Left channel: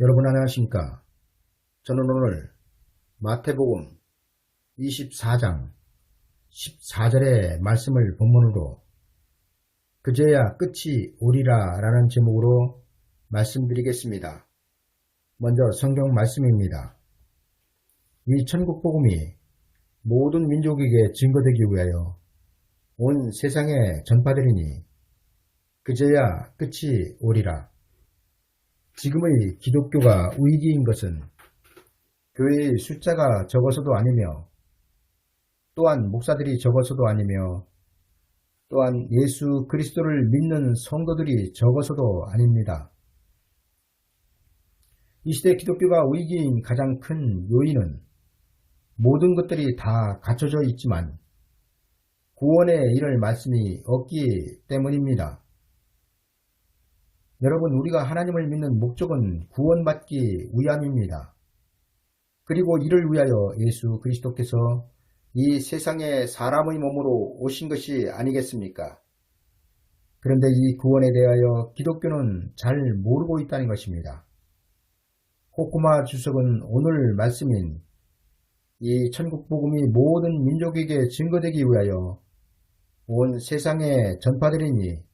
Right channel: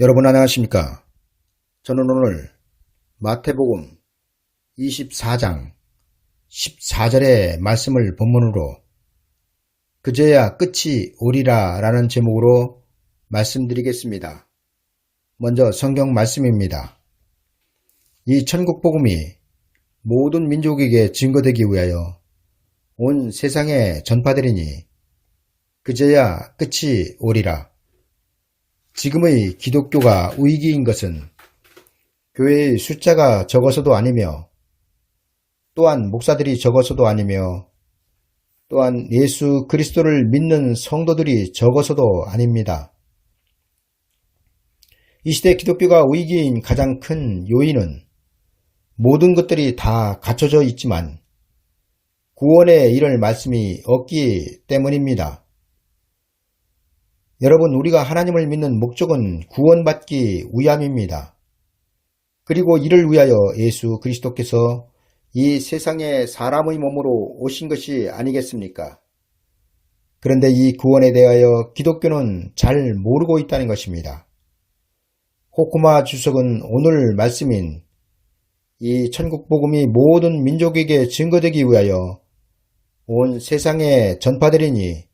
여러분 안녕하십니까? 저는 오늘 마태복음 24장 14절의 말씀을 본문으로 그제야 끝이 오리라 라는 제목으로 말씀드리겠습니다. 먼저 성경 말씀입니다. 이 천국복음이 모든 민족에게 증거되기 위하여 온 세상에 전파되리니 그제야 끝이 오리라. 지금의 기독교가 위기인 것은 교회의 숫자가 적어서도 아니며 또한 목사들이 적어서도 아니며 또한 예수 그리스도를 믿는 성도들이 적어서도 아닙니다. 이 시대 기독교가 위기인 가장 큰 요인은 모든 것들이 다 갖춰져 있지만 구원에 이를 말씀이 없기 때문입니다. 여러분, 우리가 하나님을 믿는 목적은 구원받기 위함입니다. 그리고 이를 위하여 예수 그리스도께서 이 세상에 사람의 몸으로 오신 것이 아니겠습니까? 그런데 이 구원에 대하여 기독교는 잘 모르고 있다는 것입니다. 호쿠마 주석은 오늘 말씀인 이 천국복음이 모든 민족에게 증거되기 위하여 온 세상에 전파되리니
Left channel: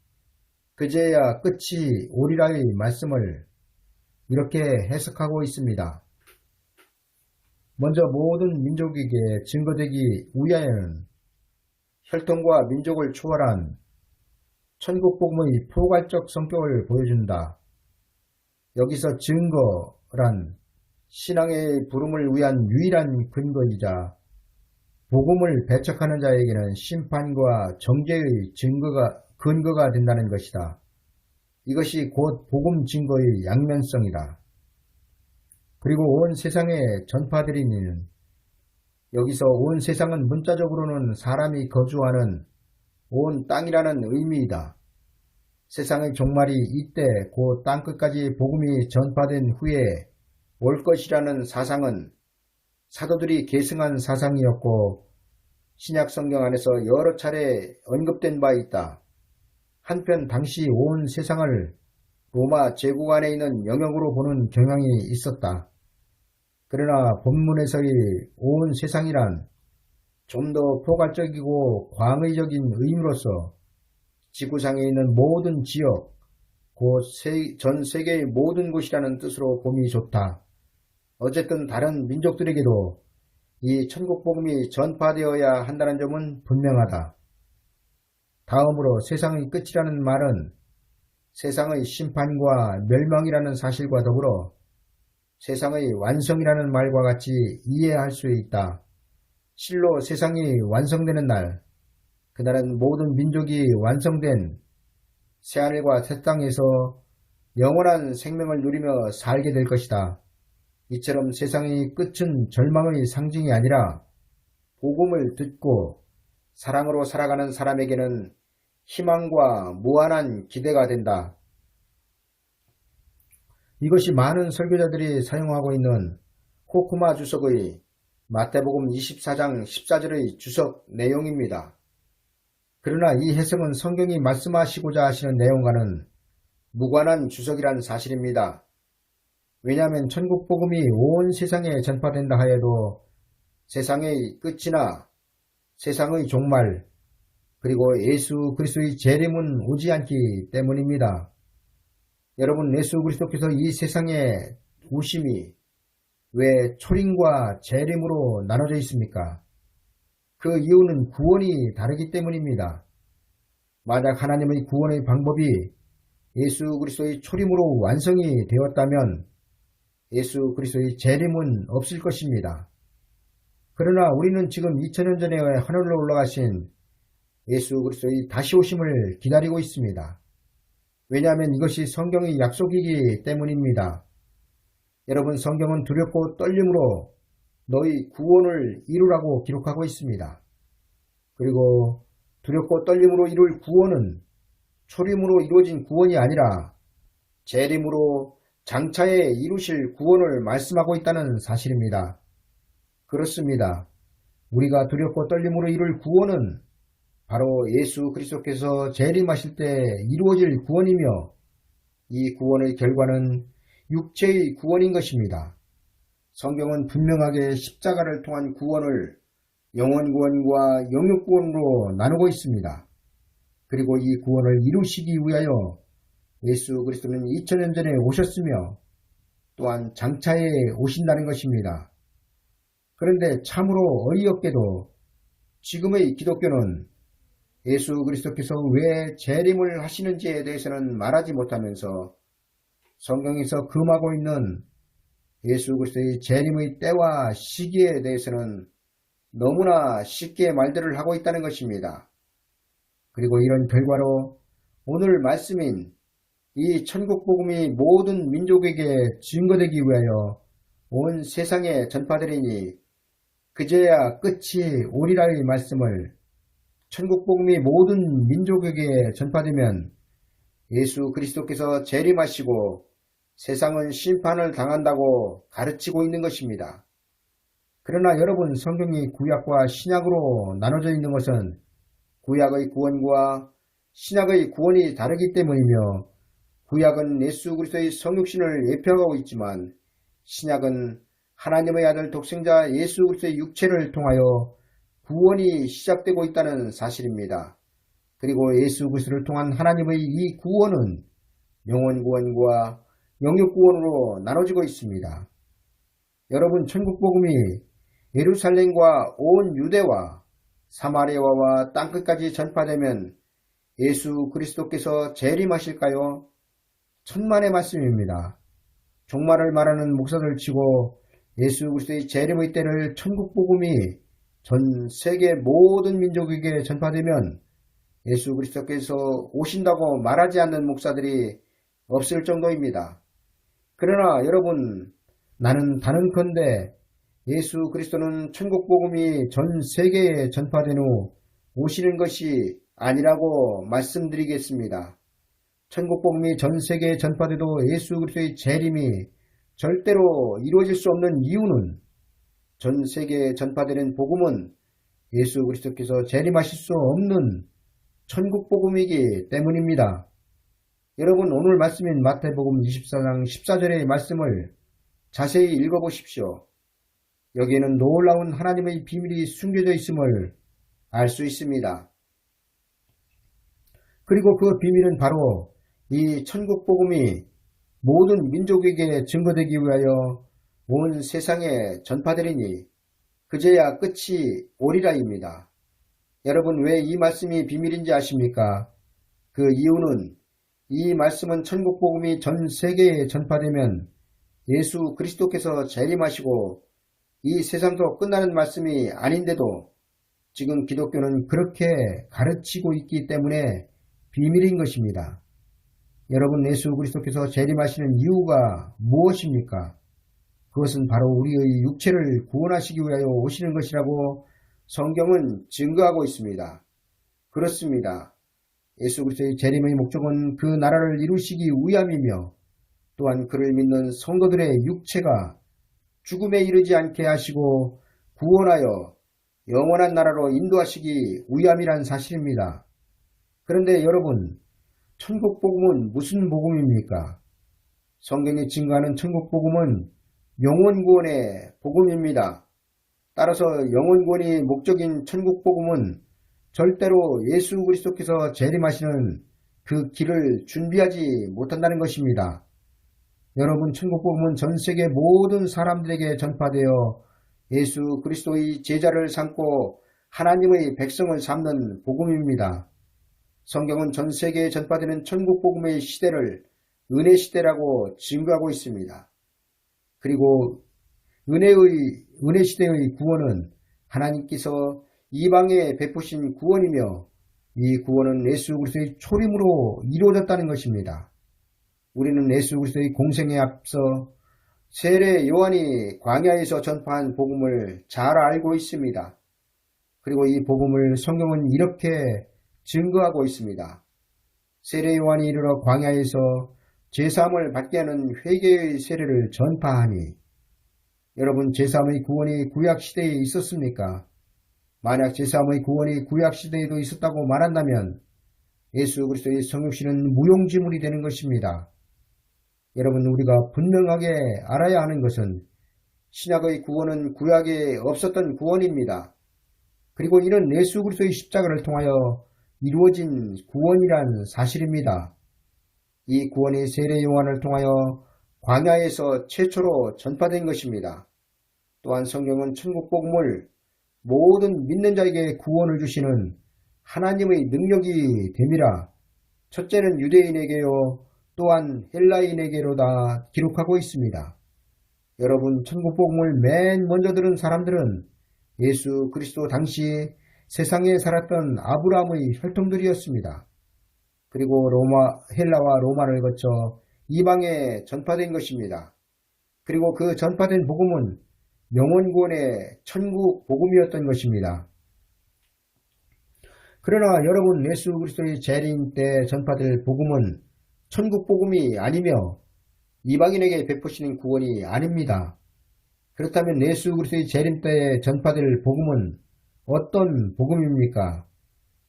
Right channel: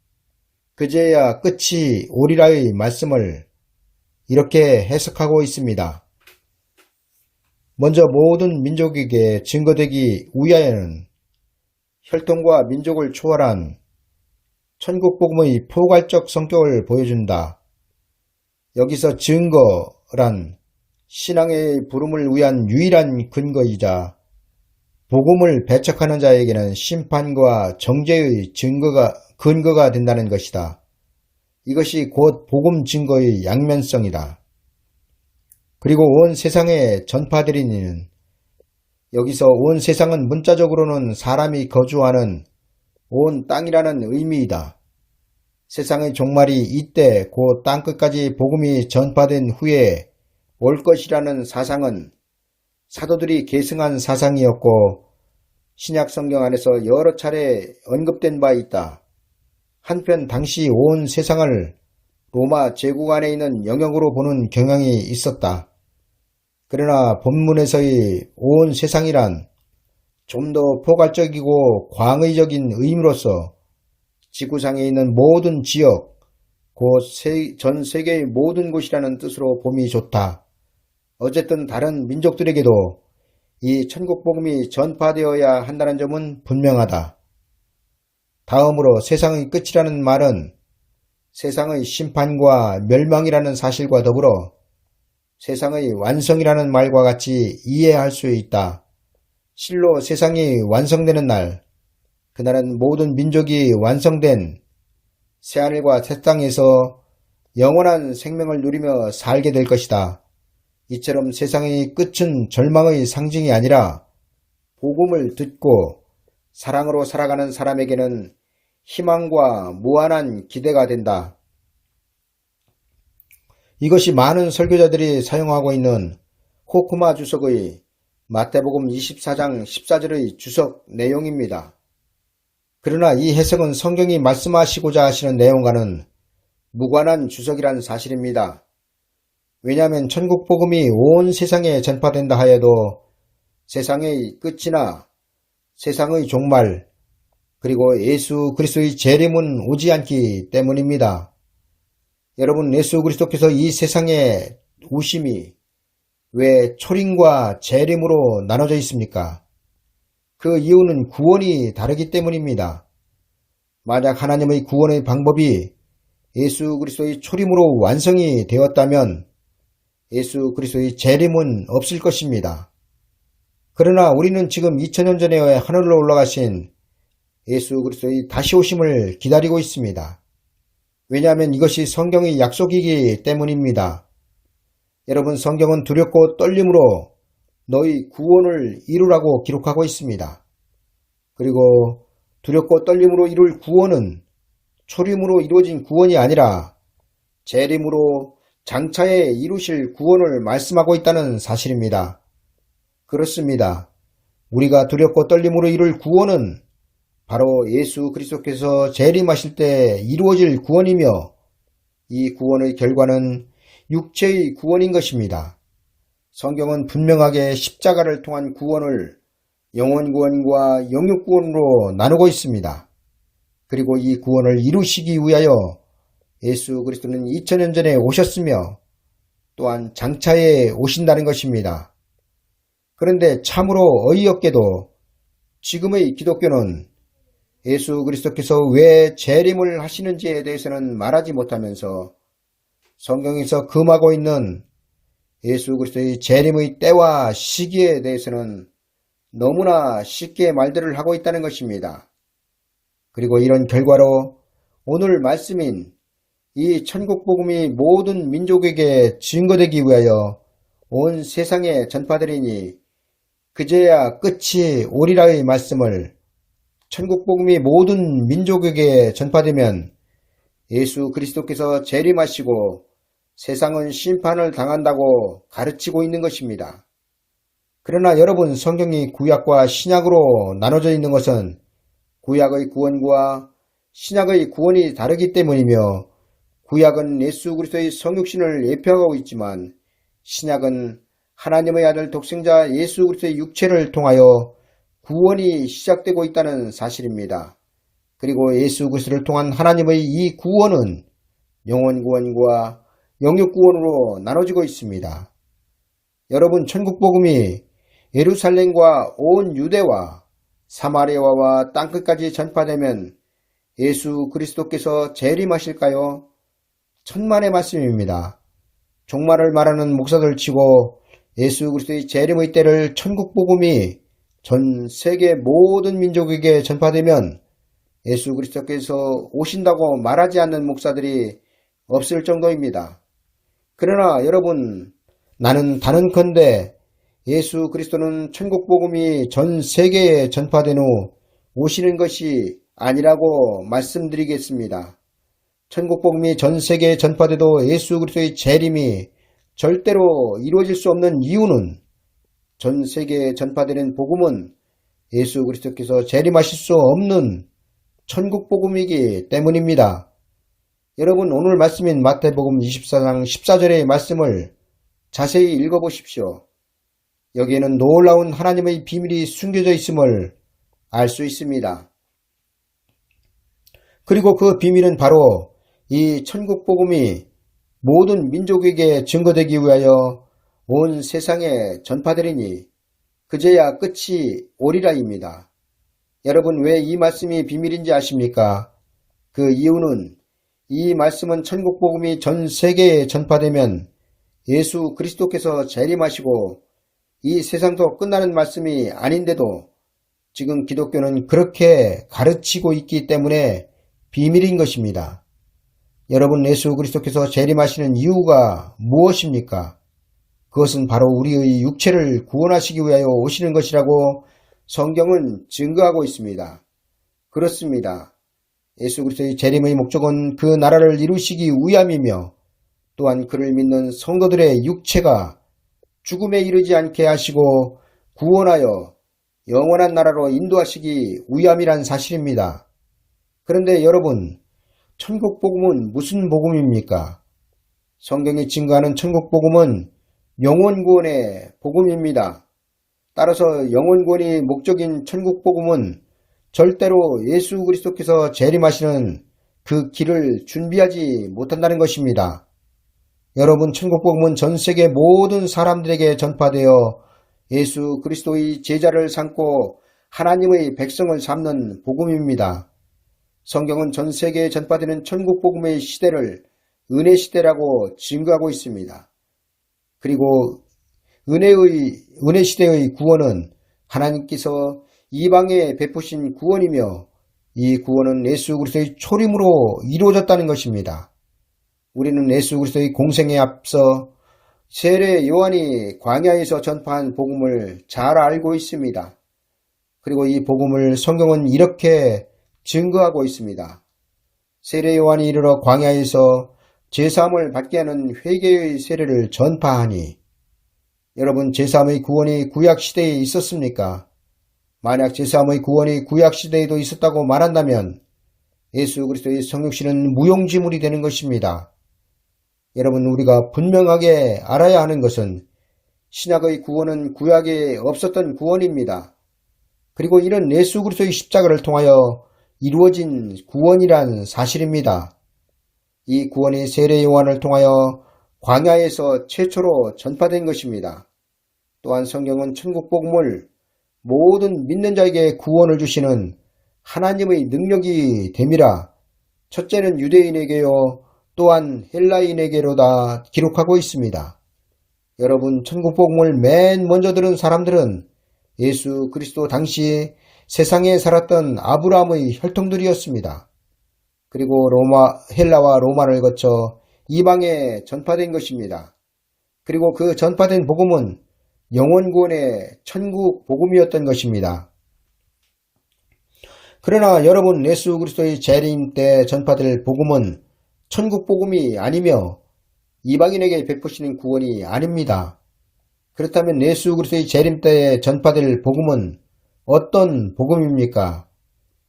그제야 끝이 오리라의 말씀을 이렇게 해석하고 있습니다. 먼저 모든 민족에게 증거되기 위하여는 혈통과 민족을 초월한 천국복음의 포괄적 성격을 보여준다. 여기서 증거란 신앙의 부름을 위한 유일한 근거이자 복음을 배척하는 자에게는 심판과 정죄의 근거가 된다는 것이다. 이것이 곧 복음 증거의 양면성이다. 그리고 온 세상에 전파되리니는 여기서 온 세상은 문자적으로는 사람이 거주하는 온 땅이라는 의미이다. 세상의 종말이 이때 곧 땅끝까지 복음이 전파된 후에 올 것이라는 사상은 사도들이 계승한 사상이었고 신약 성경 안에서 여러 차례 언급된 바 있다. 한편 당시 온 세상을 로마 제국 안에 있는 영역으로 보는 경향이 있었다. 그러나 본문에서의 온 세상이란 좀 더 포괄적이고 광의적인 의미로서 지구상에 있는 모든 지역, 곧 전 세계의 모든 곳이라는 뜻으로 봄이 좋다. 어쨌든 다른 민족들에게도 이 천국복음이 전파되어야 한다는 점은 분명하다. 다음으로 세상의 끝이라는 말은 세상의 심판과 멸망이라는 사실과 더불어 세상의 완성이라는 말과 같이 이해할 수 있다. 실로 세상이 완성되는 날, 그날은 모든 민족이 완성된 새하늘과 새 땅에서 영원한 생명을 누리며 살게 될 것이다. 이처럼 세상의 끝은 절망의 상징이 아니라 복음을 듣고 사랑으로 살아가는 사람에게는 희망과 무한한 기대가 된다. 이것이 많은 설교자들이 사용하고 있는 호쿠마 주석의 마태복음 24장 14절의 주석 내용입니다. 그러나 이 해석은 성경이 말씀하시고자 하시는 내용과는 무관한 주석이란 사실입니다. 왜냐하면 천국복음이 온 세상에 전파된다 하여도 세상의 끝이나 세상의 종말 그리고 예수 그리스도의 재림은 오지 않기 때문입니다. 여러분, 예수 그리스도께서 이 세상에 오심이 왜 초림과 재림으로 나눠져 있습니까? 그 이유는 구원이 다르기 때문입니다. 만약 하나님의 구원의 방법이 예수 그리스도의 초림으로 완성이 되었다면 예수 그리스도의 재림은 없을 것입니다. 그러나 우리는 지금 2000년 전에 하늘로 올라가신 예수 그리스도의 다시 오심을 기다리고 있습니다. 왜냐하면 이것이 성경의 약속이기 때문입니다. 여러분, 성경은 두렵고 떨림으로 너희 구원을 이루라고 기록하고 있습니다. 그리고 두렵고 떨림으로 이룰 구원은 초림으로 이루어진 구원이 아니라 재림으로 장차에 이루실 구원을 말씀하고 있다는 사실입니다. 그렇습니다. 우리가 두렵고 떨림으로 이룰 구원은 바로 예수 그리스도께서 재림하실 때 이루어질 구원이며 이 구원의 결과는 육체의 구원인 것입니다. 성경은 분명하게 십자가를 통한 구원을 영혼 구원과 영육 구원으로 나누고 있습니다. 그리고 이 구원을 이루시기 위하여 예수 그리스도는 2000년 전에 오셨으며 또한 장차에 오신다는 것입니다. 그런데 참으로 어이없게도 지금의 기독교는 예수 그리스도께서 왜 재림을 하시는지에 대해서는 말하지 못하면서 성경에서 금하고 있는 예수 그리스도의 재림의 때와 시기에 대해서는 너무나 쉽게 말들을 하고 있다는 것입니다. 그리고 이런 결과로 오늘 말씀인 이 천국복음이 모든 민족에게 증거되기 위하여 온 세상에 전파되리니 그제야 끝이 오리라의 말씀을 천국복음이 모든 민족에게 전파되면 예수 그리스도께서 재림하시고 세상은 심판을 당한다고 가르치고 있는 것입니다. 그러나 여러분, 성경이 구약과 신약으로 나눠져 있는 것은 구약의 구원과 신약의 구원이 다르기 때문이며 구약은 예수 그리스도의 성육신을 예표하고 있지만 신약은 하나님의 아들 독생자 예수 그리스도의 육체를 통하여 구원이 시작되고 있다는 사실입니다. 그리고 예수 그리스도를 통한 하나님의 이 구원은 영혼 구원과 영육 구원으로 나눠지고 있습니다. 여러분, 천국 복음이 예루살렘과 온 유대와 사마리아와 땅끝까지 전파되면 예수 그리스도께서 재림하실까요? 천만의 말씀입니다. 종말을 말하는 목사들 치고 예수 그리스도의 재림의 때를 천국 복음이 전 세계 모든 민족에게 전파되면 예수 그리스도께서 오신다고 말하지 않는 목사들이 없을 정도입니다. 그러나 여러분, 나는 다른컨대 예수 그리스도는 천국 복음이 전 세계에 전파된 후 오시는 것이 아니라고 말씀드리겠습니다. 천국 복음이 전 세계에 전파돼도 예수 그리스도의 재림이 절대로 이루어질 수 없는 이유는 전 세계에 전파되는 복음은 예수 그리스도께서 재림하실 수 없는 천국 복음이기 때문입니다. 여러분, 오늘 말씀인 마태복음 24장 14절의 말씀을 자세히 읽어보십시오. 여기에는 놀라운 하나님의 비밀이 숨겨져 있음을 알 수 있습니다. 그리고 그 비밀은 바로 이 천국 복음이 모든 민족에게 증거되기 위하여 온 세상에 전파되리니 그제야 끝이 오리라입니다. 여러분, 왜 이 말씀이 비밀인지 아십니까? 그 이유는 이 말씀은 천국 복음이 전 세계에 전파되면 예수 그리스도께서 재림하시고 이 세상도 끝나는 말씀이 아닌데도 지금 기독교는 그렇게 가르치고 있기 때문에 비밀인 것입니다. 여러분, 예수 그리스도께서 재림하시는 이유가 무엇입니까? 그것은 바로 우리의 육체를 구원하시기 위하여 오시는 것이라고 성경은 증거하고 있습니다. 그렇습니다. 예수 그리스도의 재림의 목적은 그 나라를 이루시기 위함이며 또한 그를 믿는 성도들의 육체가 죽음에 이르지 않게 하시고 구원하여 영원한 나라로 인도하시기 위함이란 사실입니다. 그런데 여러분, 천국 복음은 무슨 복음입니까? 성경이 증거하는 천국 복음은 영혼 구원의 복음입니다. 따라서 영혼 구원이 목적인 천국 복음은 절대로 예수 그리스도께서 재림하시는 그 길을 준비하지 못한다는 것입니다. 여러분, 천국 복음은 전 세계 모든 사람들에게 전파되어 예수 그리스도의 제자를 삼고 하나님의 백성을 삼는 복음입니다. 성경은 전 세계에 전파되는 천국 복음의 시대를 은혜 시대라고 증거하고 있습니다. 그리고 은혜 시대의 구원은 하나님께서 이방에 베푸신 구원이며 이 구원은 예수 그리스도의 초림으로 이루어졌다는 것입니다. 우리는 예수 그리스도의 공생에 앞서 세례 요한이 광야에서 전파한 복음을 잘 알고 있습니다. 그리고 이 복음을 성경은 이렇게 증거하고 있습니다. 세례 요한이 이르러 광야에서 제사함을 받게 하는 회개의 세례를 전파하니, 여러분, 제사함의 구원이 구약시대에 있었습니까? 만약 제사함의 구원이 구약시대에도 있었다고 말한다면 예수 그리스도의 성육신은 무용지물이 되는 것입니다. 여러분, 우리가 분명하게 알아야 하는 것은 신약의 구원은 구약에 없었던 구원입니다. 그리고 이는 예수 그리스도의 십자가를 통하여 이루어진 구원이란 사실입니다. 이 구원이 세례 요한을 통하여 광야에서 최초로 전파된 것입니다. 또한 성경은 천국 복음을 모든 믿는 자에게 구원을 주시는 하나님의 능력이 됨이라 첫째는 유대인에게요 또한 헬라인에게로다 기록하고 있습니다. 여러분, 천국 복음을 맨 먼저 들은 사람들은 예수 그리스도 당시 세상에 살았던 아브라함의 혈통들이었습니다. 그리고 헬라와 로마를 거쳐 이방에 전파된 것입니다. 그리고 그 전파된 복음은 영원구원의 천국 복음이었던 것입니다. 그러나 여러분, 예수 그리스도의 재림 때 전파될 복음은 천국 복음이 아니며 이방인에게 베푸시는 구원이 아닙니다. 그렇다면 예수 그리스도의 재림 때에 전파될 복음은 어떤 복음입니까?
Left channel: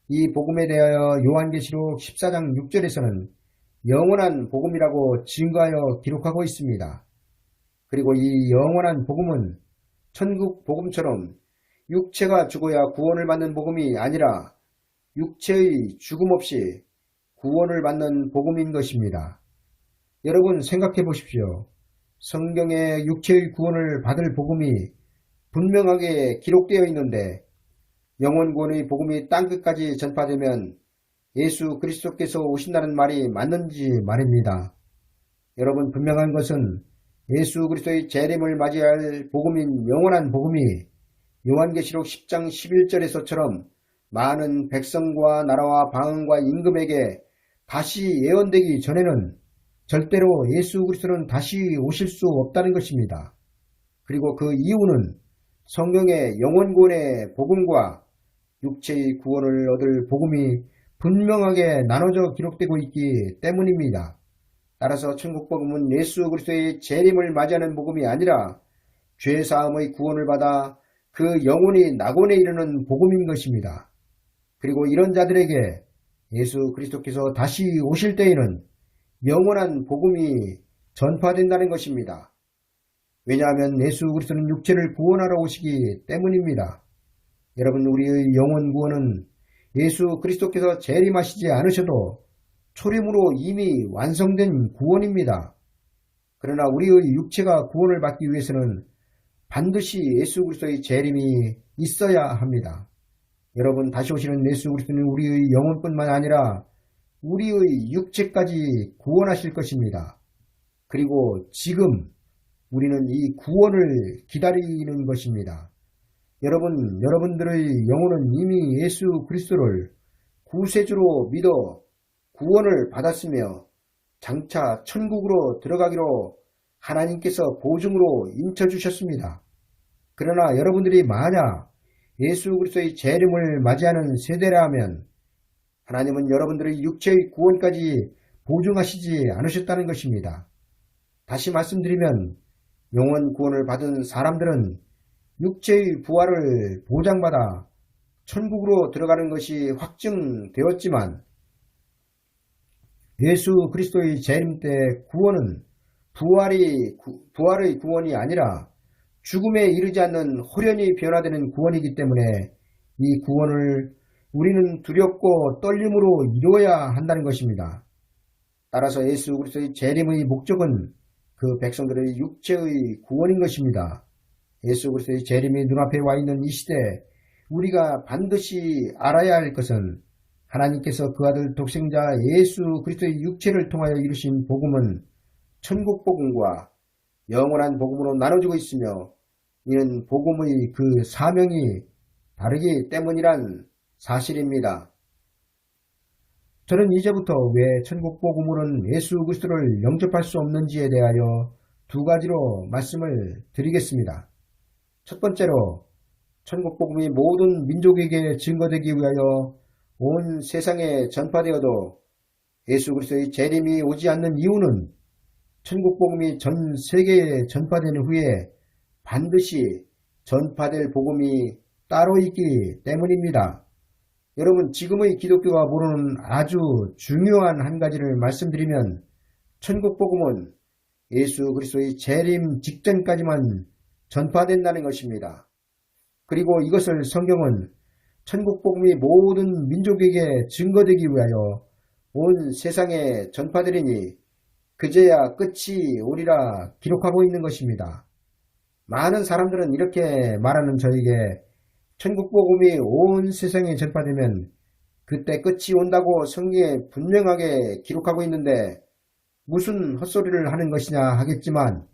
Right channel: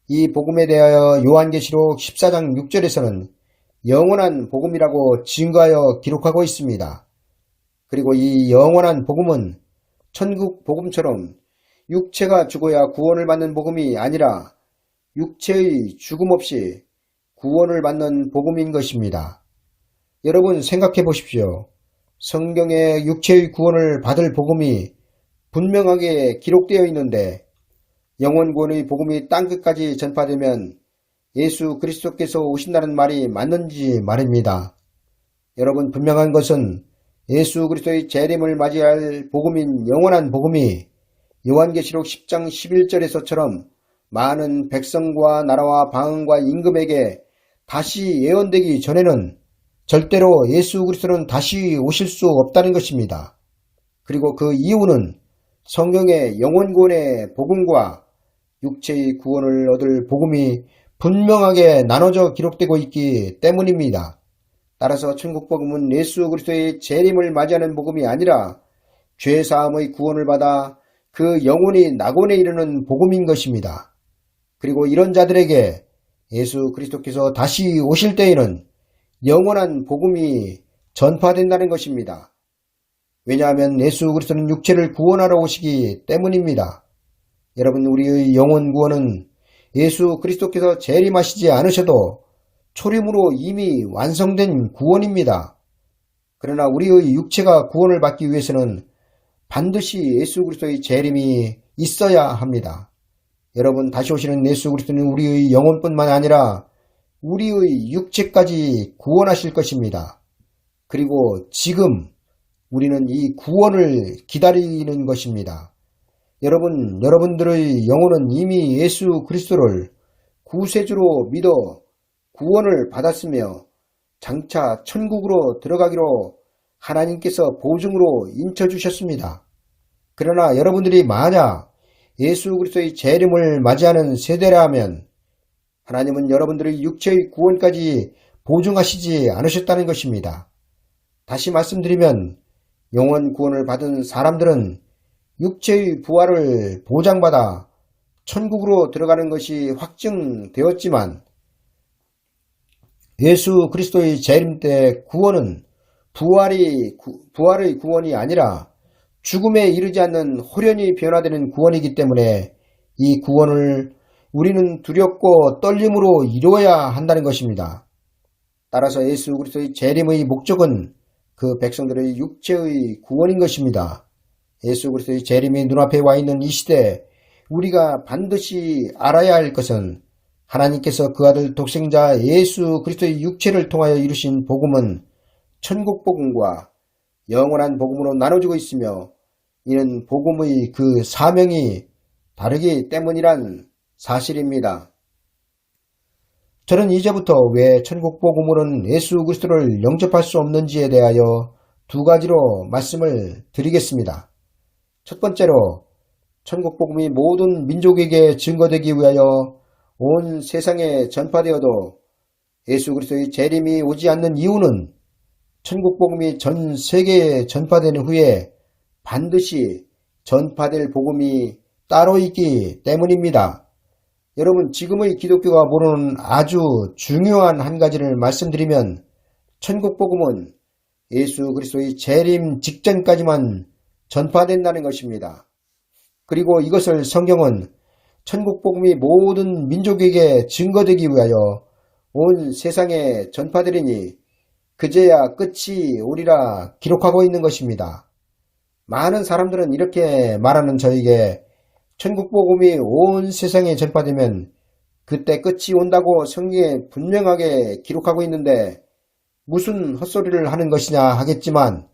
이 복음에 대하여 요한계시록 14장 6절에서는 영원한 복음이라고 증거하여 기록하고 있습니다. 그리고 이 영원한 복음은 천국 복음처럼 육체가 죽어야 구원을 받는 복음이 아니라 육체의 죽음 없이 구원을 받는 복음인 것입니다. 여러분, 생각해 보십시오. 성경에 육체의 구원을 받을 복음이 분명하게 기록되어 있는데 영원구원의 복음이 땅끝까지 전파되면 예수 그리스도께서 오신다는 말이 맞는지 말입니다. 여러분, 분명한 것은 예수 그리스도의 재림을 맞이할 복음인 영원한 복음이 요한계시록 10장 11절에서처럼 많은 백성과 나라와 방언과 임금에게 다시 예언되기 전에는 절대로 예수 그리스도는 다시 오실 수 없다는 것입니다. 그리고 그 이유는 성경의 영원구원의 복음과 육체의 구원을 얻을 복음이 분명하게 나눠져 기록되고 있기 때문입니다. 따라서 천국 복음은 예수 그리스도의 재림을 맞이하는 복음이 아니라 죄사함의 구원을 받아 그 영혼이 낙원에 이르는 복음인 것입니다. 그리고 이런 자들에게 예수 그리스도께서 다시 오실 때에는 영원한 복음이 전파된다는 것입니다. 왜냐하면 예수 그리스도는 육체를 구원하러 오시기 때문입니다. 여러분, 우리의 영혼 구원은 예수 그리스도께서 재림하시지 않으셔도 초림으로 이미 완성된 구원입니다. 그러나 우리의 육체가 구원을 받기 위해서는 반드시 예수 그리스도의 재림이 있어야 합니다. 여러분, 다시 오시는 예수 그리스도는 우리의 영혼뿐만 아니라 우리의 육체까지 구원하실 것입니다. 그리고 지금 우리는 이 구원을 기다리는 것입니다. 여러분들의 영혼은 이미 예수 그리스도를 구세주로 믿어 구원을 받았으며 장차 천국으로 들어가기로 하나님께서 보증으로 인쳐주셨습니다. 그러나 여러분들이 만약 예수 그리스도의 재림을 맞이하는 세대라면 하나님은 여러분들의 육체의 구원까지 보증하시지 않으셨다는 것입니다. 다시 말씀드리면 영원 구원을 받은 사람들은 육체의 부활을 보장받아 천국으로 들어가는 것이 확증되었지만 예수 그리스도의 재림 때 구원은 부활의 구원이 아니라 죽음에 이르지 않는 홀연히 변화되는 구원이기 때문에 이 구원을 우리는 두렵고 떨림으로 이루어야 한다는 것입니다. 따라서 예수 그리스도의 재림의 목적은 그 백성들의 육체의 구원인 것입니다. 예수 그리스도의 재림이 눈앞에 와 있는 이 시대에 우리가 반드시 알아야 할 것은 하나님께서 그 아들 독생자 예수 그리스도의 육체를 통하여 이루신 복음은 천국 복음과 영원한 복음으로 나눠지고 있으며 이는 복음의 그 사명이 다르기 때문이란 사실입니다. 저는 이제부터 왜 천국 복음으로는 예수 그리스도를 영접할 수 없는지에 대하여 두 가지로 말씀을 드리겠습니다. 첫 번째로 천국 복음이 모든 민족에게 증거되기 위하여 온 세상에 전파되어도 예수 그리스도의 재림이 오지 않는 이유는 천국 복음이 전 세계에 전파되는 후에 반드시 전파될 복음이 따로 있기 때문입니다. 여러분, 지금의 기독교가 모르는 아주 중요한 한 가지를 말씀드리면 천국 복음은 예수 그리스도의 재림 직전까지만 전파된다는 것입니다. 그리고 이것을 성경은 천국 복음이 모든 민족에게 증거되기 위하여 온 세상에 전파되리니 그제야 끝이 오리라 기록하고 있는 것입니다. 많은 사람들은 이렇게 말하는 저에게 천국 복음이 온 세상에 전파되면 그때 끝이 온다고 성경에 분명하게 기록하고 있는데 무슨 헛소리를 하는 것이냐 하겠지만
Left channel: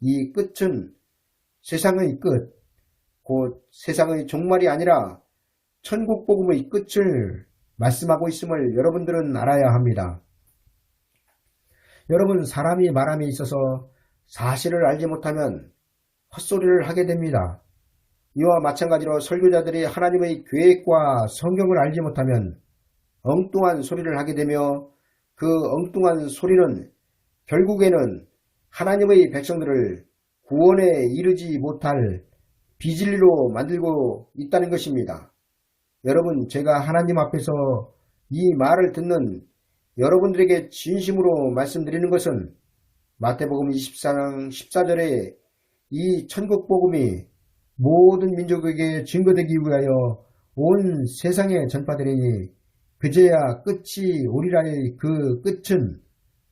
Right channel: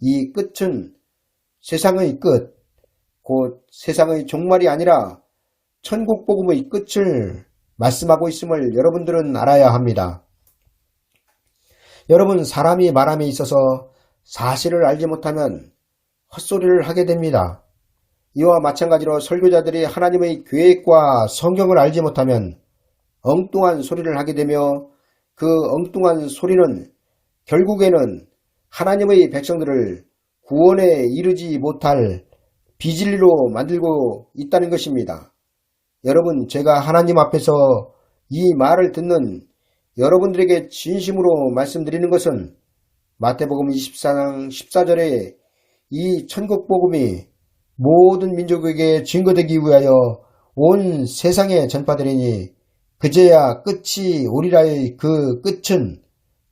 이 끝은 세상의 끝, 곧 세상의 종말이 아니라 천국 복음의 끝을 말씀하고 있음을 여러분들은 알아야 합니다. 여러분, 사람이 말함에 있어서 사실을 알지 못하면 헛소리를 하게 됩니다. 이와 마찬가지로 설교자들이 하나님의 계획과 성경을 알지 못하면 엉뚱한 소리를 하게 되며 그 엉뚱한 소리는 결국에는 하나님의 백성들을 구원에 이르지 못할 비진리로 만들고 있다는 것입니다. 여러분, 제가 하나님 앞에서 이 말을 듣는 여러분들에게 진심으로 말씀드리는 것은 마태복음 24장 14절에 이 천국복음이 모든 민족에게 증거되기 위하여 온 세상에 전파되리니 그제야 끝이 오리라의 그 끝은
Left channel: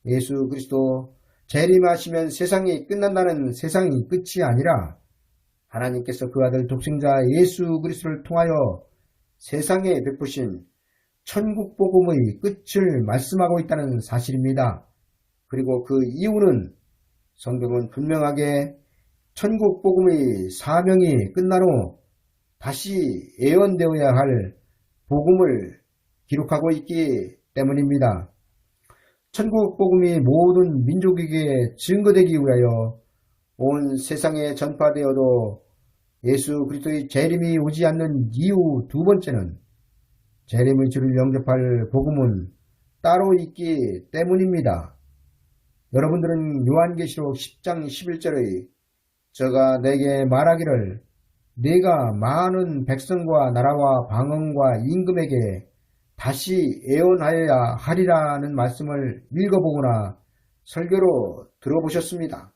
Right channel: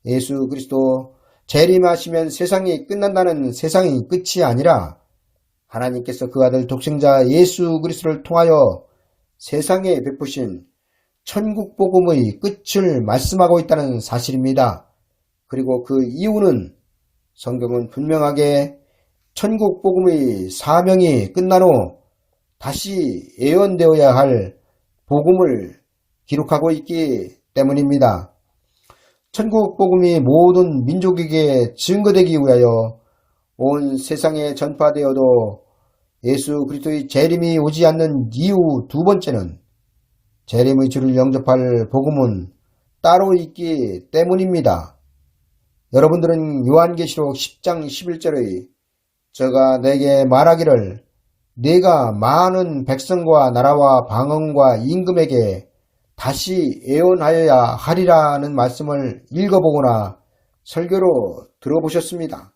예수 그리스도 재림하시면 세상이 끝난다는 세상의 끝이 아니라 하나님께서 그 아들 독생자 예수 그리스도를 통하여 세상에 베푸신 천국 복음의 끝을 말씀하고 있다는 사실입니다. 그리고 그 이유는 성경은 분명하게 천국 복음의 사명이 끝난 후 다시 예언되어야 할 복음을 기록하고 있기 때문입니다. 천국 복음이 모든 민족에게 증거되기 위하여 온 세상에 전파되어도 예수 그리스도의 재림이 오지 않는 이유 두 번째는 재림의 주를 영접할 복음은 따로 있기 때문입니다. 여러분들은 요한계시록 10장 11절의 저가 내게 말하기를 네가 많은 백성과 나라와 방언과 임금에게 다시 예언하여야 하리라는 말씀을 읽어보거나 설교로 들어보셨습니다.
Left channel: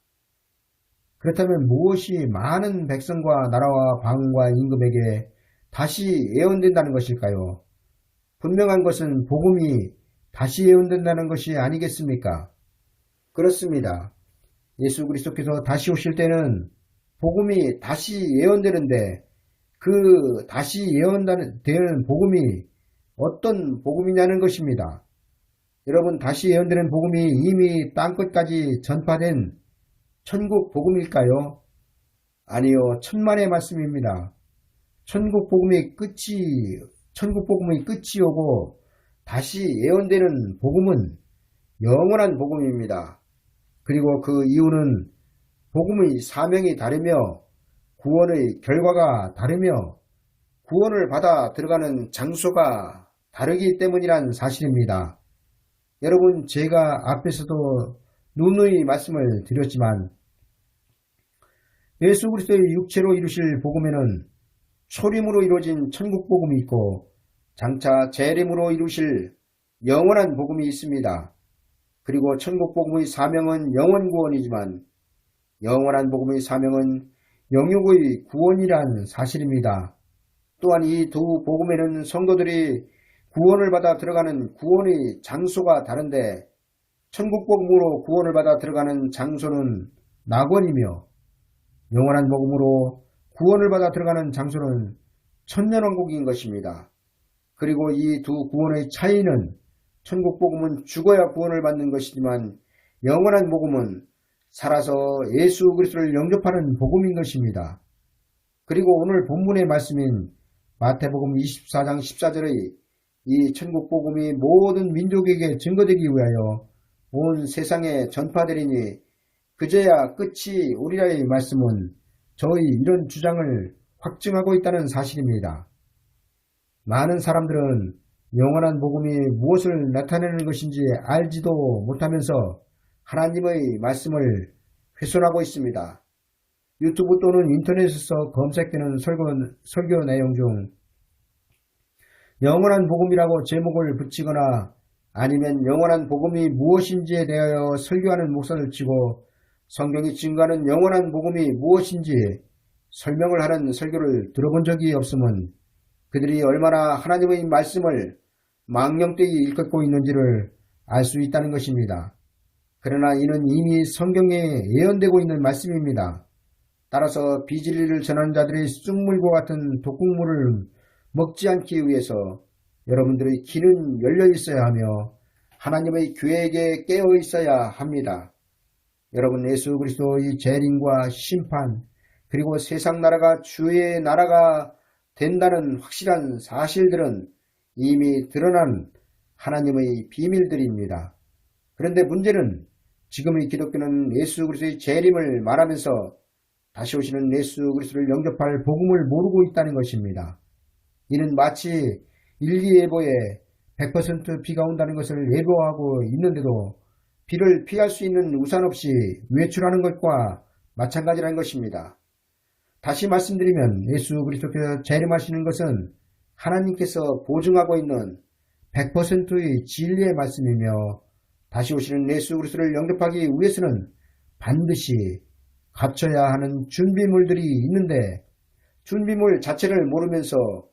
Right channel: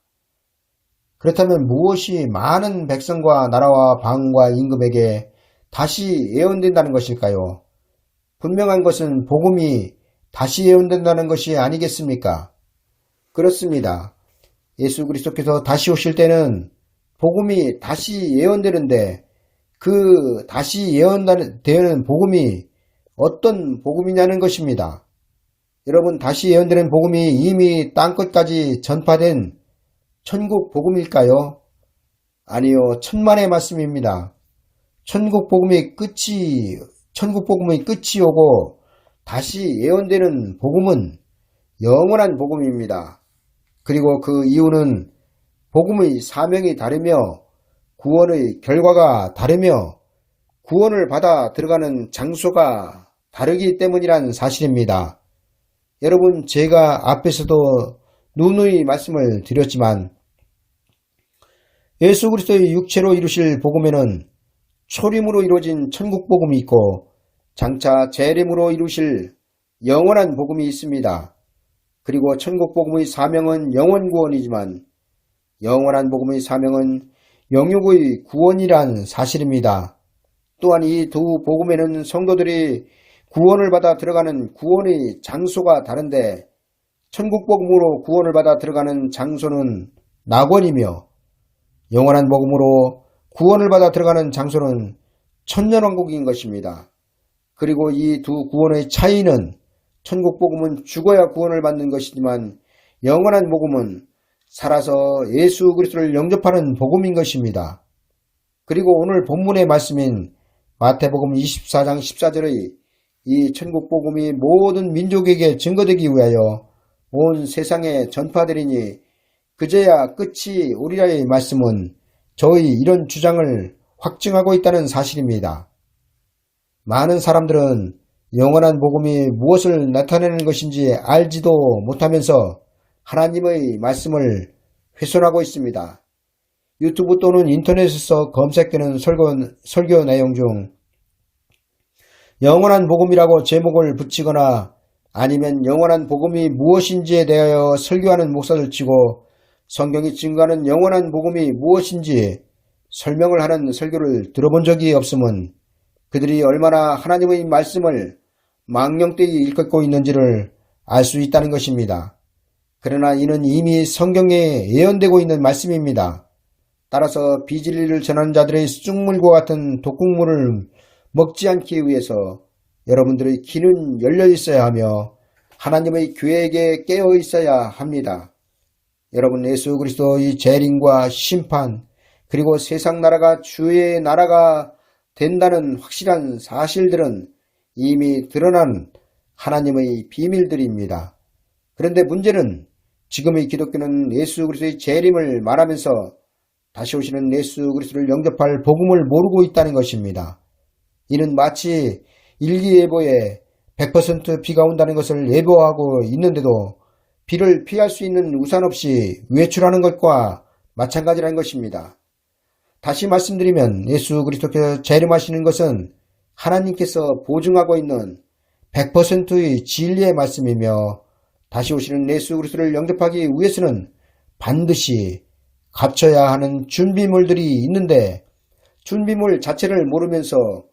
그렇다면 무엇이 많은 백성과 나라와 방언과 임금에게 다시 예언된다는 것일까요? 분명한 것은 복음이 다시 예언된다는 것이 아니겠습니까? 그렇습니다. 예수 그리스도께서 다시 오실 때는 복음이 다시 예언되는데 그 다시 예언되는 복음이 어떤 복음이냐는 것입니다. 여러분, 다시 예언되는 복음이 이미 땅끝까지 전파된 천국 복음일까요? 아니요, 천만의 말씀입니다. 천국 복음의 끝이 오고 다시 예언되는 복음은 영원한 복음입니다. 그리고 그 이유는 복음의 사명이 다르며 구원의 결과가 다르며 구원을 받아 들어가는 장소가 다르기 때문이란 사실입니다. 여러분, 제가 앞에서도 누누이 말씀을 드렸지만 예수 그리스도의 육체로 이루실 복음에는 초림으로 이루어진 천국 복음이 있고 장차 재림으로 이루실 영원한 복음이 있습니다. 그리고 천국 복음의 사명은 영원 구원이지만 영원한 복음의 사명은 영육의 구원이란 사실입니다. 또한 이 두 복음에는 성도들이 구원을 받아 들어가는 구원의 장소가 다른데 천국 복음으로 구원을 받아 들어가는 장소는 낙원이며 영원한 복음으로 구원을 받아 들어가는 장소는 천년왕국인 것입니다. 그리고 이 두 구원의 차이는 천국 복음은 죽어야 구원을 받는 것이지만 영원한 복음은 살아서 예수 그리스도를 영접하는 복음인 것입니다. 그리고 오늘 본문의 말씀인 마태복음 24장 14절의 이 천국 복음이 모든 민족에게 증거되기 위하여 온 세상에 전파되리니 그제야 끝이 오리라의 말씀은 저의 이런 주장을 확증하고 있다는 사실입니다. 많은 사람들은 영원한 복음이 무엇을 나타내는 것인지 알지도 못하면서 하나님의 말씀을 훼손하고 있습니다. 유튜브 또는 인터넷에서 검색되는 설교 내용 중 영원한 복음이라고 제목을 붙이거나 아니면 영원한 복음이 무엇인지에 대하여 설교하는 목사를 치고 성경이 증거하는 영원한 복음이 무엇인지 설명을 하는 설교를 들어본 적이 없음은 그들이 얼마나 하나님의 말씀을 망령되이 일컫고 있는지를 알 수 있다는 것입니다. 그러나 이는 이미 성경에 예언되고 있는 말씀입니다. 따라서 비진리를 전하는 자들의 쑥물과 같은 독국물을 먹지 않기 위해서 여러분들의 귀는 열려 있어야 하며 하나님의 계획에 깨어 있어야 합니다. 여러분, 예수 그리스도의 재림과 심판, 그리고 세상 나라가 주의 나라가 된다는 확실한 사실들은 이미 드러난 하나님의 비밀들입니다. 그런데 문제는 지금의 기독교는 예수 그리스도의 재림을 말하면서 다시 오시는 예수 그리스도를 영접할 복음을 모르고 있다는 것입니다. 이는 마치 일기예보에 100% 비가 온다는 것을 예보하고 있는데도 비를 피할 수 있는 우산 없이 외출하는 것과 마찬가지라는 것입니다. 다시 말씀드리면 예수 그리스도께서 재림하시는 것은 하나님께서 보증하고 있는 100%의 진리의 말씀이며 다시 오시는 예수 그리스도를 영접하기 위해서는 반드시 갖춰야 하는 준비물들이 있는데 준비물 자체를 모르면서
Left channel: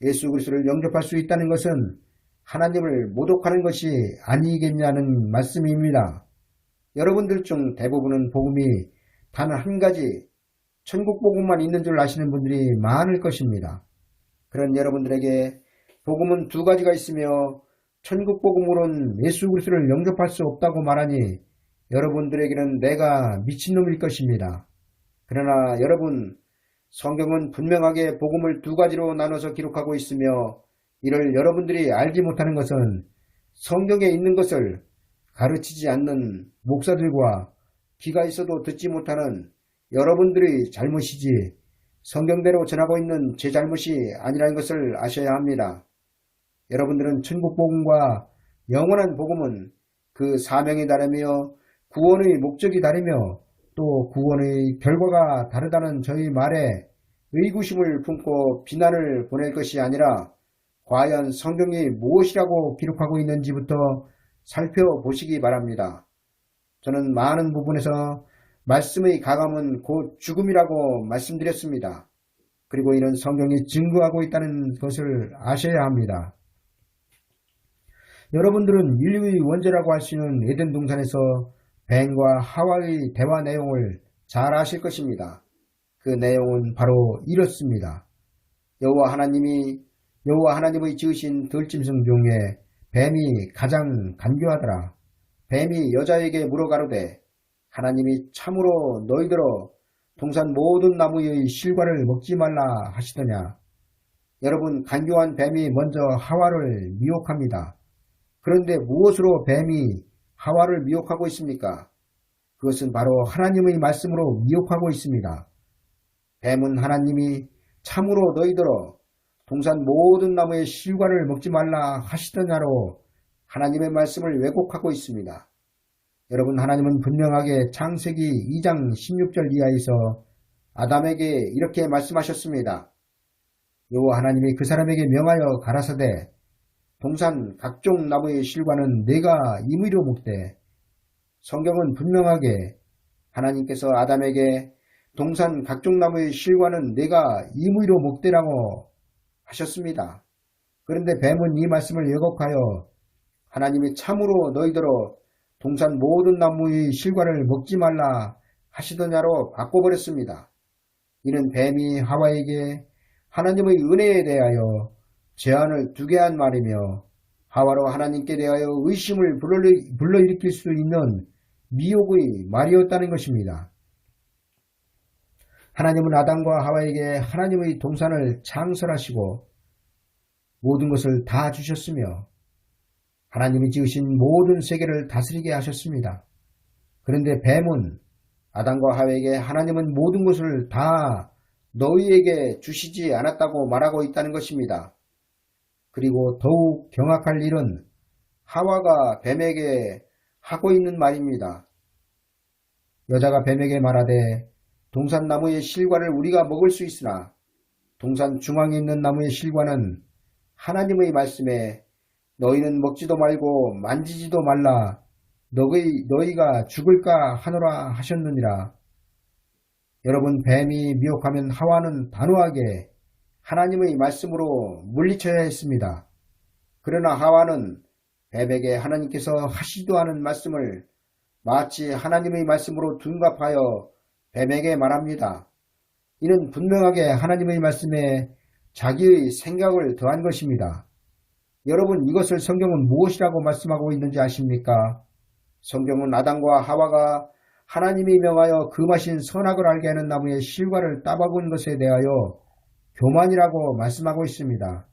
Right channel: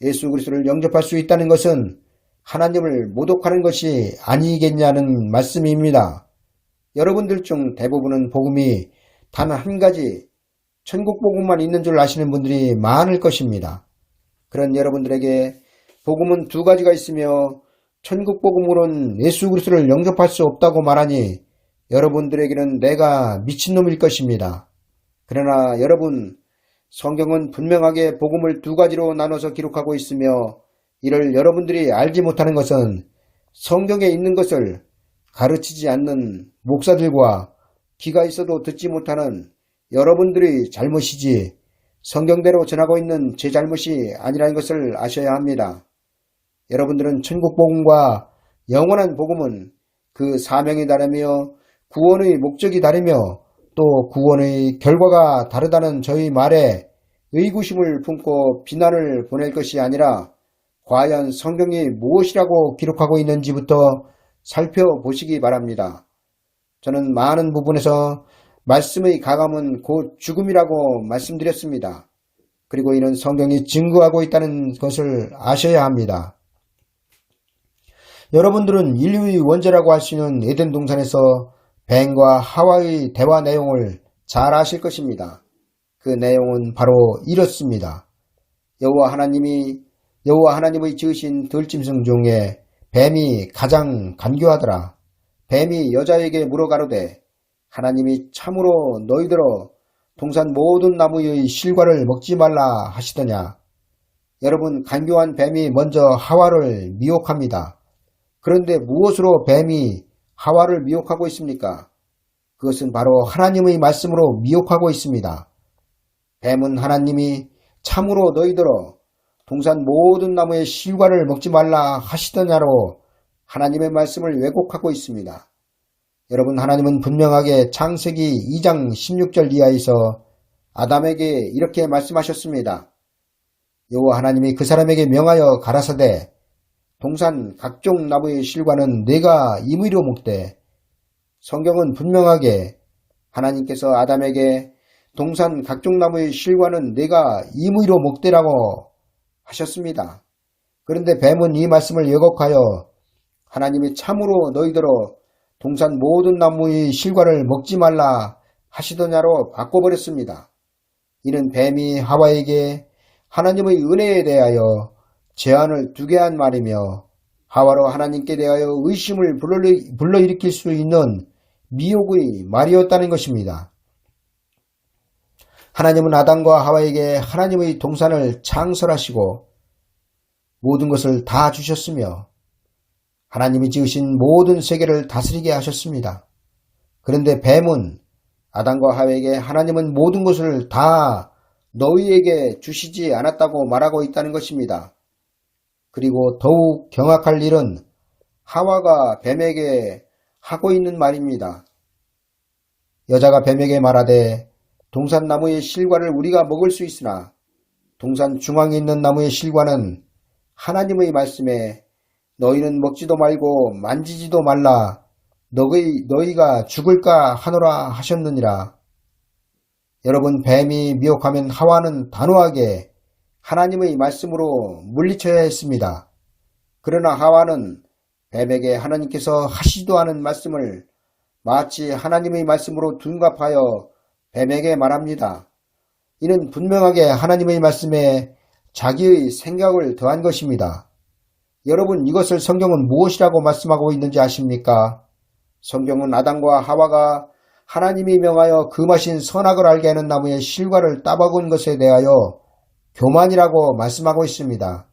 예수 그리스도를 영접할 수 있다는 것은 하나님을 모독하는 것이 아니겠냐는 말씀입니다. 여러분들 중 대부분은 복음이 단 한 가지 천국 복음만 있는 줄 아시는 분들이 많을 것입니다. 그런 여러분들에게 복음은 두 가지가 있으며 천국 복음으로는 예수 그리스도를 영접할 수 없다고 말하니 여러분들에게는 내가 미친놈일 것입니다. 그러나 여러분, 성경은 분명하게 복음을 두 가지로 나눠서 기록하고 있으며 이를 여러분들이 알지 못하는 것은 성경에 있는 것을 가르치지 않는 목사들과 귀가 있어도 듣지 못하는 여러분들의 잘못이지 성경대로 전하고 있는 제 잘못이 아니라는 것을 아셔야 합니다. 여러분들은 천국 복음과 영원한 복음은 그 사명이 다르며 구원의 목적이 다르며 또 구원의 결과가 다르다는 저희 말에 의구심을 품고 비난을 보낼 것이 아니라 과연 성경이 무엇이라고 기록하고 있는지부터 살펴보시기 바랍니다. 저는 많은 부분에서 말씀의 가감은 곧 죽음이라고 말씀드렸습니다. 그리고 이는 성경이 증거하고 있다는 것을 아셔야 합니다. 여러분들은 인류의 원죄라고 할 수 있는 에덴 동산에서 뱀과 하와의 대화 내용을 잘 아실 것입니다. 그 내용은 바로 이렇습니다. 여호와 하나님의 지으신 들짐승 중에 뱀이 가장 간교하더라. 뱀이 여자에게 물어가로되 하나님이 참으로 너희들어 동산 모든 나무의 실과를 먹지 말라 하시더냐. 여러분, 간교한 뱀이 먼저 하와를 미혹합니다. 그런데 무엇으로 뱀이 하와를 미혹하고 있습니까? 그것은 바로 하나님의 말씀으로 미혹하고 있습니다. 뱀은 하나님이 참으로 너희들어 동산 모든 나무의 실과를 먹지 말라 하시더냐로 하나님의 말씀을 왜곡하고 있습니다. 여러분, 하나님은 분명하게 창세기 2장 16절 이하에서 아담에게 이렇게 말씀하셨습니다. 여호와 하나님이 그 사람에게 명하여 가라사대 동산 각종 나무의 실과는 내가 임의로 먹되. 성경은 분명하게 하나님께서 아담에게 동산 각종 나무의 실과는 내가 임의로 먹되라고 하셨습니다. 그런데 뱀은 이 말씀을 왜곡하여 하나님이 참으로 너희들어 동산 모든 나무의 실과를 먹지 말라 하시더냐로 바꿔버렸습니다. 이는 뱀이 하와에게 하나님의 은혜에 대하여 제한을 두게 한 말이며 하와로 하나님께 대하여 의심을 불러일으킬 수 있는 미혹의 말이었다는 것입니다. 하나님은 아담과 하와에게 하나님의 동산을 창설하시고 모든 것을 다 주셨으며 하나님이 지으신 모든 세계를 다스리게 하셨습니다. 그런데 뱀은 아담과 하와에게 하나님은 모든 것을 다 너희에게 주시지 않았다고 말하고 있다는 것입니다. 그리고 더욱 경악할 일은 하와가 뱀에게 하고 있는 말입니다. 여자가 뱀에게 말하되 동산 나무의 실과를 우리가 먹을 수 있으나 동산 중앙에 있는 나무의 실과는 하나님의 말씀에 너희는 먹지도 말고 만지지도 말라 너희가 죽을까 하노라 하셨느니라. 여러분, 뱀이 미혹하면 하와는 단호하게 하나님의 말씀으로 물리쳐야 했습니다. 그러나 하와는 뱀에게 하나님께서 하시지도 않은 말씀을 마치 하나님의 말씀으로 둔갑하여 뱀에게 말합니다. 이는 분명하게 하나님의 말씀에 자기의 생각을 더한 것입니다. 여러분, 이것을 성경은 무엇이라고 말씀하고 있는지 아십니까? 성경은 아담과 하와가 하나님이 명하여 금하신 선악을 알게 하는 나무의 실과를 따먹은 것에 대하여 교만이라고 말씀하고 있습니다.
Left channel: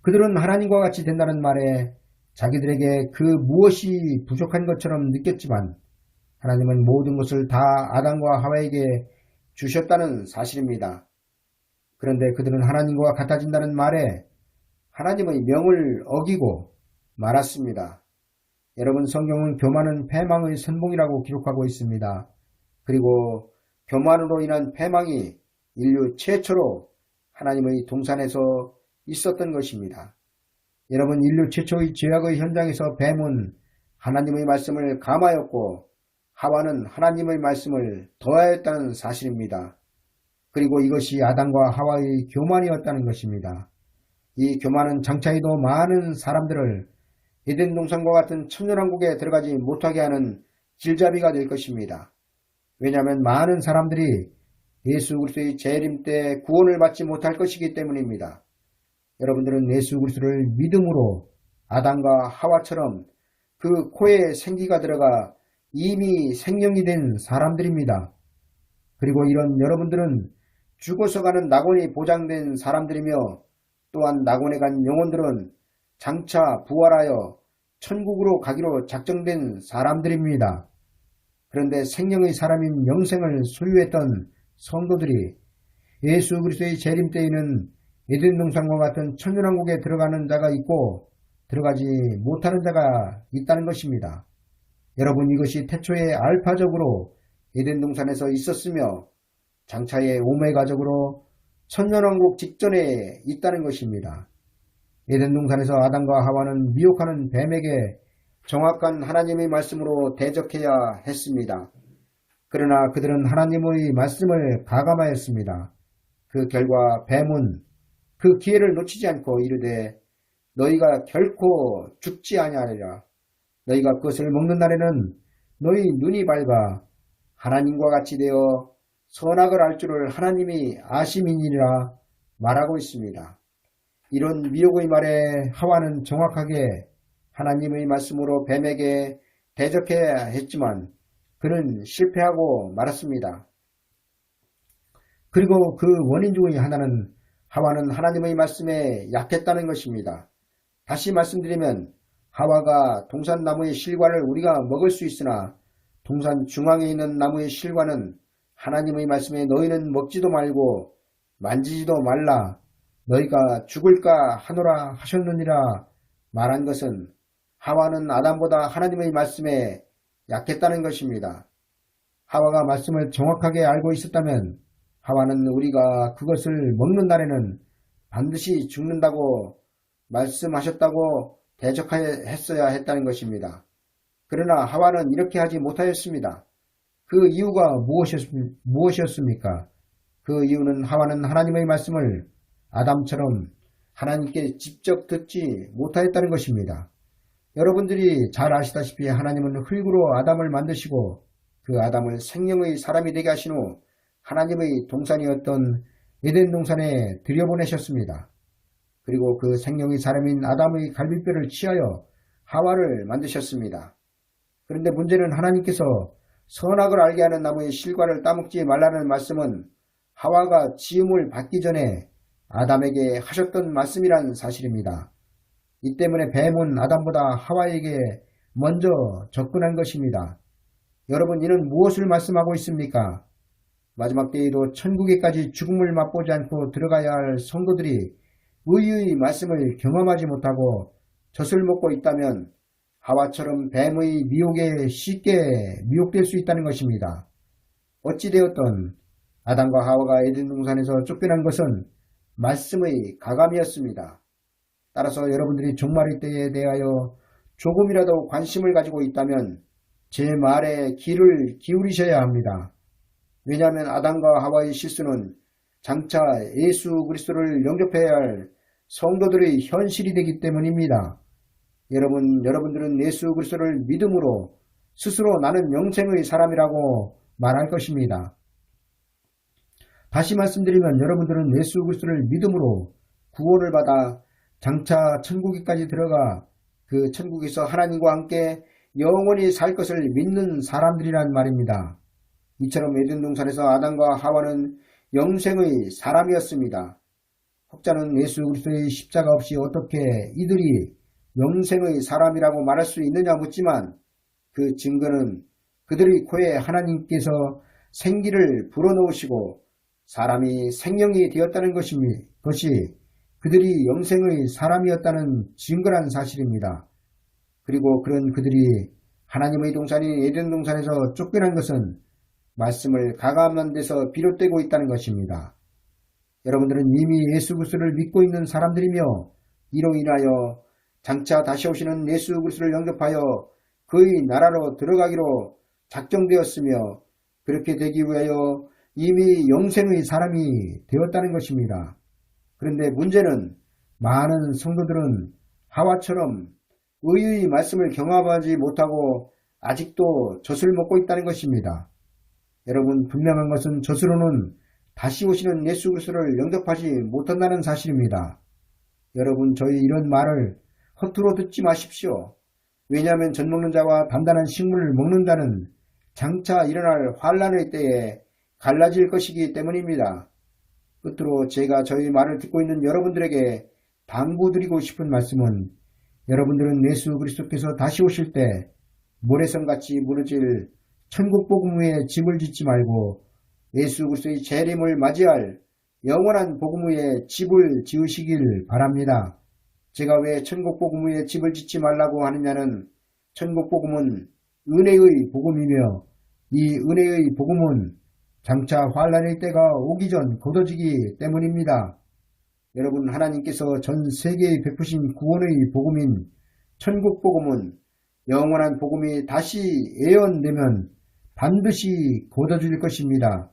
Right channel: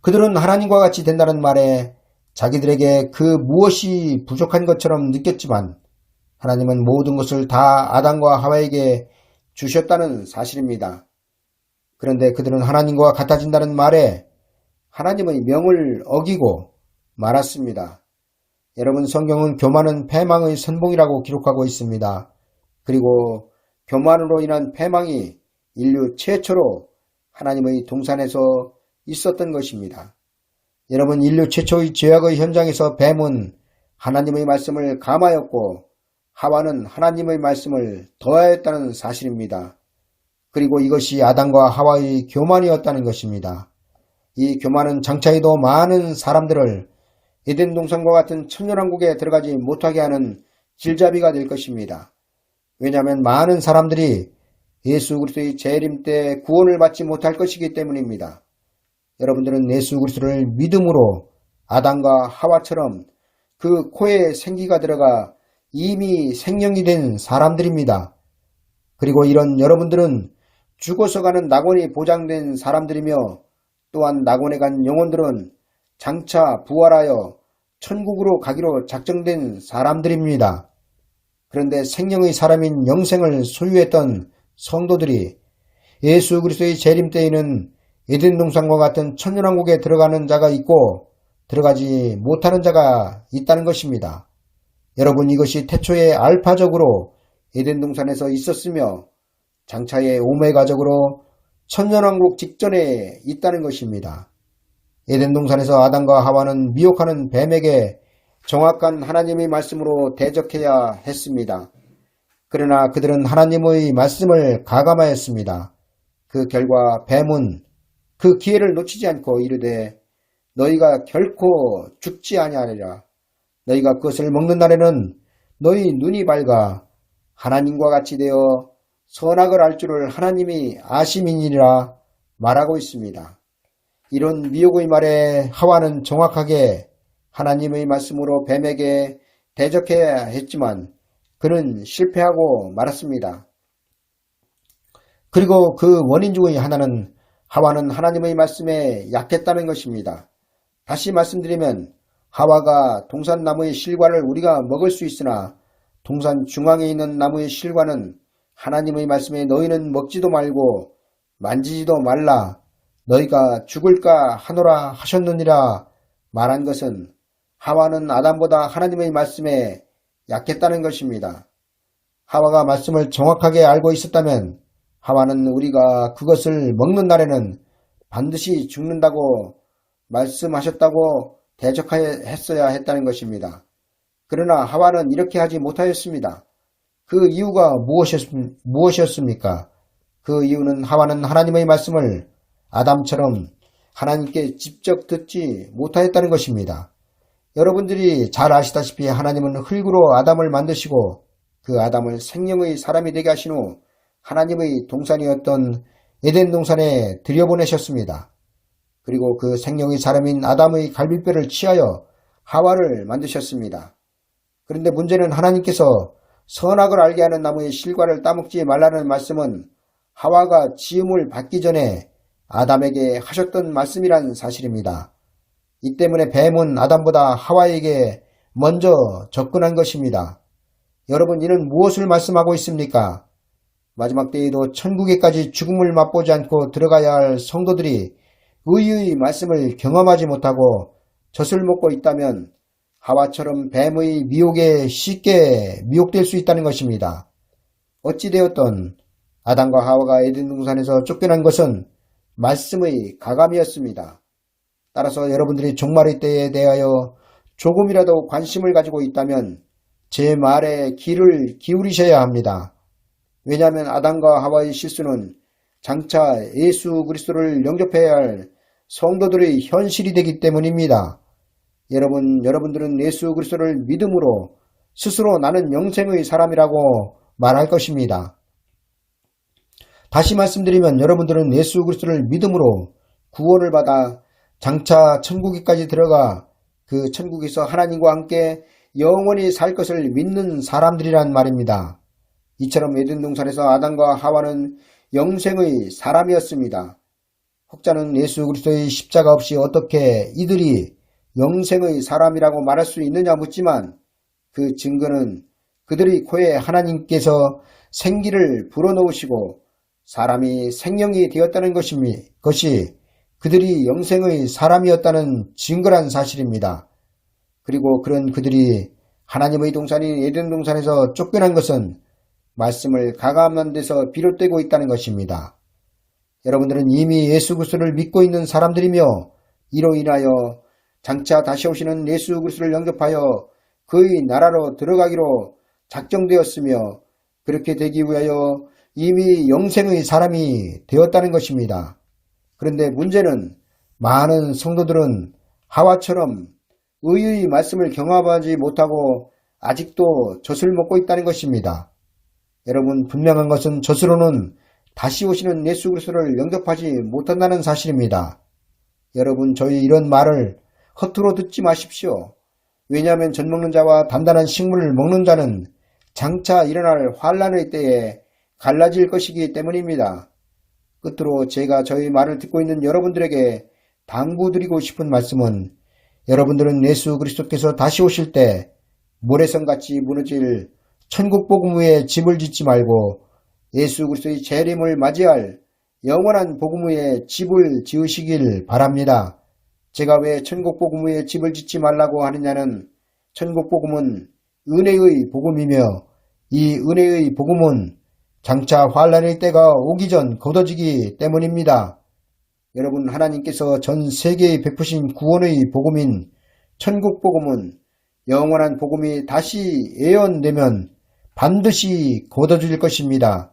그들은 하나님과 같이 된다는 말에 자기들에게 그 무엇이 부족한 것처럼 느꼈지만 하나님은 모든 것을 다 아담과 하와에게 주셨다는 사실입니다. 그런데 그들은 하나님과 같아진다는 말에 하나님의 명을 어기고 말았습니다. 여러분, 성경은 교만은 패망의 선봉이라고 기록하고 있습니다. 그리고 교만으로 인한 패망이 인류 최초로 하나님의 동산에서 있었던 것입니다. 여러분, 인류 최초의 죄악의 현장에서 뱀은 하나님의 말씀을 감하였고 하와는 하나님의 말씀을 더하였다는 사실입니다. 그리고 이것이 아담과 하와의 교만이었다는 것입니다. 이 교만은 장차에도 많은 사람들을 에덴 동산과 같은 천년왕국에 들어가지 못하게 하는 길잡이가 될 것입니다. 왜냐하면 많은 사람들이 예수 그리스도의 재림 때 구원을 받지 못할 것이기 때문입니다. 여러분들은 예수 그리스도를 믿음으로 아담과 하와처럼 그 코에 생기가 들어가 이미 생명이 된 사람들입니다. 그리고 이런 여러분들은 죽어서 가는 낙원이 보장된 사람들이며 또한 낙원에 간 영혼들은 장차 부활하여 천국으로 가기로 작정된 사람들입니다. 그런데 생명의 사람인 영생을 소유했던 성도들이 예수 그리스도의 재림 때에는 에덴 동산과 같은 천년왕국에 들어가는 자가 있고 들어가지 못하는 자가 있다는 것입니다. 여러분, 이것이 태초에 알파적으로 에덴 동산에서 있었으며 장차의 오메가적으로 천년왕국 직전에 있다는 것입니다. 에덴 동산에서 아담과 하와는 미혹하는 뱀에게 정확한 하나님의 말씀으로 대적해야 했습니다. 그러나 그들은 하나님의 말씀을 가감하였습니다. 그 결과 뱀은 그 기회를 놓치지 않고 이르되 너희가 결코 죽지 아니하리라. 너희가 그것을 먹는 날에는 너희 눈이 밝아 하나님과 같이 되어 선악을 알 줄을 하나님이 아심이니라 말하고 있습니다. 이런 미혹의 말에 하와는 정확하게 하나님의 말씀으로 뱀에게 대적해야 했지만 그는 실패하고 말았습니다. 그리고 그 원인 중의 하나는 하와는 하나님의 말씀에 약했다는 것입니다. 다시 말씀드리면 하와가 동산나무의 실과를 우리가 먹을 수 있으나 동산 중앙에 있는 나무의 실과는 하나님의 말씀에 너희는 먹지도 말고 만지지도 말라 너희가 죽을까 하노라 하셨느니라 말한 것은 하와는 아담보다 하나님의 말씀에 약했다는 것입니다. 하와가 말씀을 정확하게 알고 있었다면 하와는 우리가 그것을 먹는 날에는 반드시 죽는다고 말씀하셨다고 대적했어야 했다는 것입니다. 그러나 하와는 이렇게 하지 못하였습니다. 그 이유가 무엇이었습니까? 그 이유는 하와는 하나님의 말씀을 아담처럼 하나님께 직접 듣지 못하였다는 것입니다. 여러분들이 잘 아시다시피 하나님은 흙으로 아담을 만드시고 그 아담을 생명의 사람이 되게 하신 후 하나님의 동산이었던 에덴 동산에 들여보내셨습니다. 그리고 그 생명의 사람인 아담의 갈비뼈를 취하여 하와를 만드셨습니다. 그런데 문제는 하나님께서 선악을 알게 하는 나무의 실과를 따먹지 말라는 말씀은 하와가 지음을 받기 전에 아담에게 하셨던 말씀이란 사실입니다. 이 때문에 뱀은 아담보다 하와에게 먼저 접근한 것입니다. 여러분, 이는 무엇을 말씀하고 있습니까? 마지막 때에도 천국에까지 죽음을 맛보지 않고 들어가야 할 성도들이 의의 말씀을 경험하지 못하고 젖을 먹고 있다면 하와처럼 뱀의 미혹에 쉽게 미혹될 수 있다는 것입니다. 어찌되었던 아담과 하와가 에덴 동산에서 쫓겨난 것은 말씀의 가감이었습니다. 따라서 여러분들이 종말의 때에 대하여 조금이라도 관심을 가지고 있다면 제 말에 귀를 기울이셔야 합니다. 왜냐하면 아담과 하와의 실수는 장차 예수 그리스도를 영접해야 할 성도들의 현실이 되기 때문입니다. 여러분들은 예수 그리스도를 믿음으로 스스로 나는 영생의 사람이라고 말할 것입니다. 다시 말씀드리면 여러분들은 예수 그리스도를 믿음으로 구원을 받아 장차 천국에까지 들어가 그 천국에서 하나님과 함께 영원히 살 것을 믿는 사람들이란 말입니다. 이처럼 에덴 동산에서 아담과 하와는 영생의 사람이었습니다. 혹자는 예수 그리스도의 십자가 없이 어떻게 이들이 영생의 사람이라고 말할 수 있느냐 묻지만 그 증거는 그들의 코에 하나님께서 생기를 불어넣으시고 사람이 생명이 되었다는 것이 그들이 영생의 사람이었다는 증거란 사실입니다. 그리고 그런 그들이 하나님의 동산인 에덴 동산에서 쫓겨난 것은 말씀을 가감한 데서 비롯되고 있다는 것입니다. 여러분들은 이미 예수 그리스도를 믿고 있는 사람들이며 이로 인하여 장차 다시 오시는 예수 그리스도를 영접하여 그의 나라로 들어가기로 작정되었으며 그렇게 되기 위하여 이미 영생의 사람이 되었다는 것입니다. 그런데 문제는 많은 성도들은 하와처럼 의의 말씀을 경험하지 못하고 아직도 젖을 먹고 있다는 것입니다. 여러분, 분명한 것은 젖으로는 다시 오시는 예수 그리스도를 영접하지 못한다는 사실입니다. 여러분, 저희 이런 말을 허투루 듣지 마십시오. 왜냐하면 젖 먹는 자와 단단한 식물을 먹는 자는 장차 일어날 환란의 때에 갈라질 것이기 때문입니다. 끝으로 제가 저희 말을 듣고 있는 여러분들에게 당부드리고 싶은 말씀은 여러분들은 예수 그리스도께서 다시 오실 때 모래성같이 무너질 천국 복음 위에 집을 짓지 말고 예수 그리스도의 재림을 맞이할 영원한 복음 위에 집을 지으시길 바랍니다. 제가 왜 천국 복음 위에 집을 짓지 말라고 하느냐는 천국 복음은 은혜의 복음이며 이 은혜의 복음은 장차 환란의 때가 오기 전 거둬지기 때문입니다. 여러분, 하나님께서 전 세계에 베푸신 구원의 복음인 천국 복음은 영원한 복음이 다시 예언되면 반드시 거둬질 것입니다.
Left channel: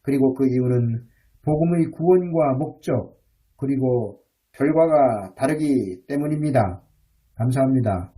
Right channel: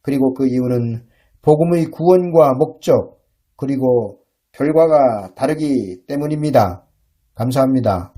그리고 그 이유는 복음의 구원과 목적 그리고 결과가 다르기 때문입니다. 감사합니다.